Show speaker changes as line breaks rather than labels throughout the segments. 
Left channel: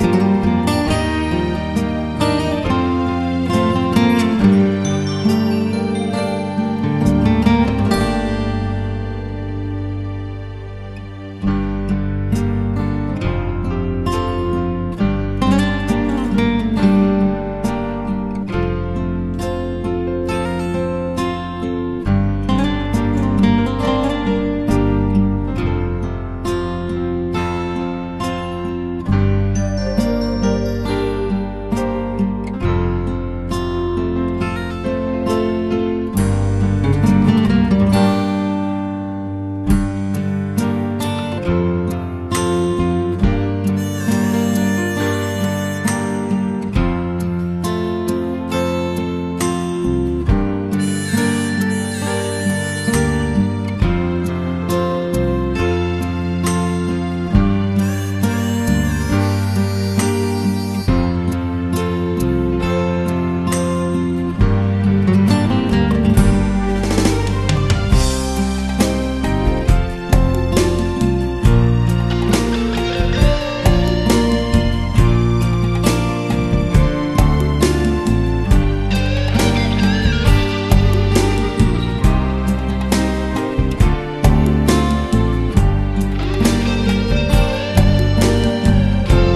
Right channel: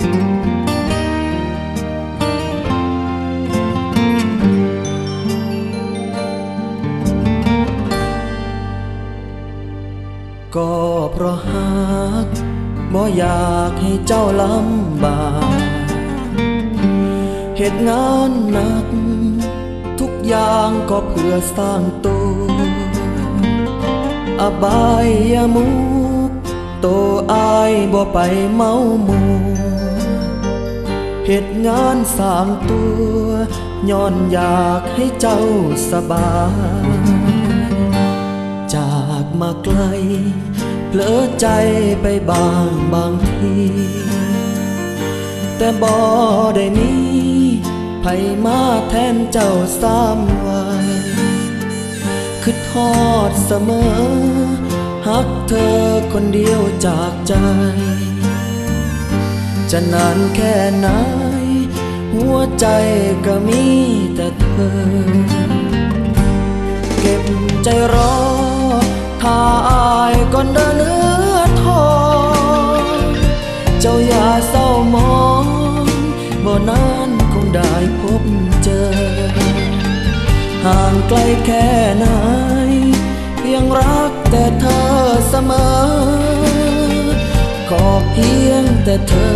ก็เพราะหักบ่อยากให้เจ้าลำบากเหตุงานหนัก ทุกอย่างก็เพื่อสร้างตัวอบายมุกโตอายบ่ไปเมามู เหตุงานสร้างตัวย้อนอยากให้เจ้าสบายจากมาไกลเผลอใจไปบางบางทีแต่บ่ได้มีไผมาแทนเจ้าสามวันคือทอดเสมอหักเธอคนเดียวจากใจ จะนานแค่ไหน หัวใจก็มีแต่เธอ เก็บใจรอถ้าอายก่อนเดินเนื้อทองเจ้าอย่าเศร้ามองบ่นานคงได้พบเจอ ห่างไกลแค่ไหน ยังรักแต่เธอเสมอ ขอเพียงแต่เธอ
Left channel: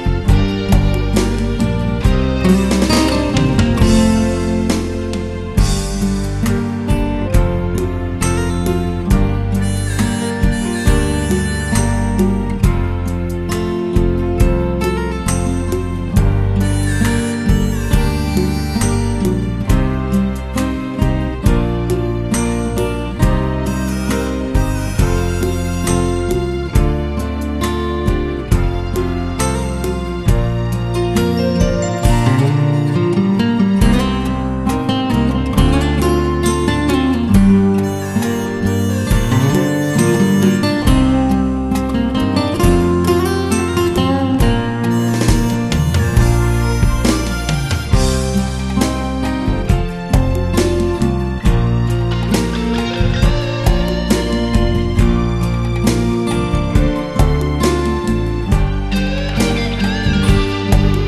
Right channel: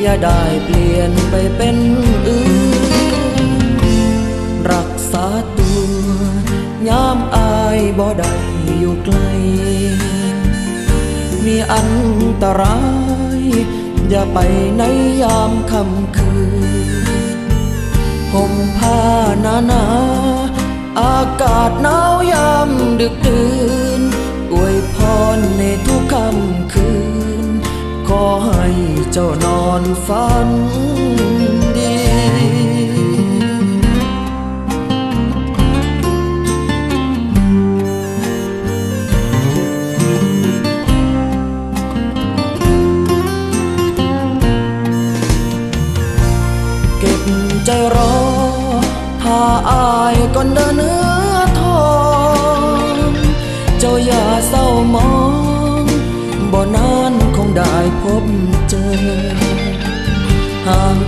อย่าได้เปลี่ ยนไปเป็นอื่น รักษาตัวยามอายบ่ได้อยู่ไกล มีอันตราย อย่าไปในยามค่ำคืน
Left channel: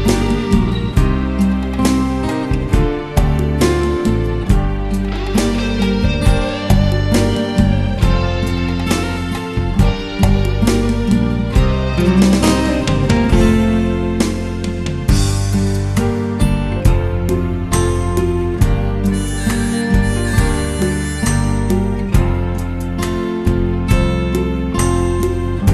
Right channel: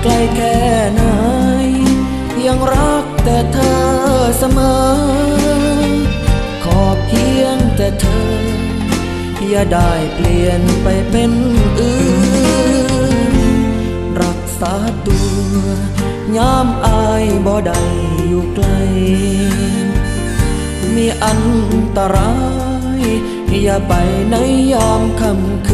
ไกลแค่ไหน ยังรักแต่เธอเสมอ ขอเพียงแต่เธอ อย่าได้เปลี่ยนไปเป็นอื่น รักษาตัวยามอายบ่ได้อยู่ไกล มีอันตราย อย่าไปในยามค่ำคืน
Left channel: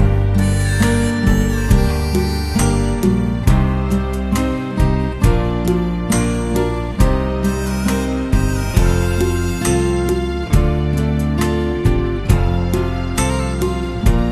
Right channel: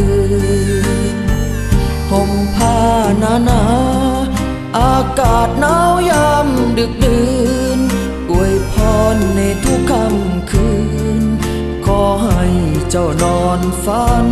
ทุ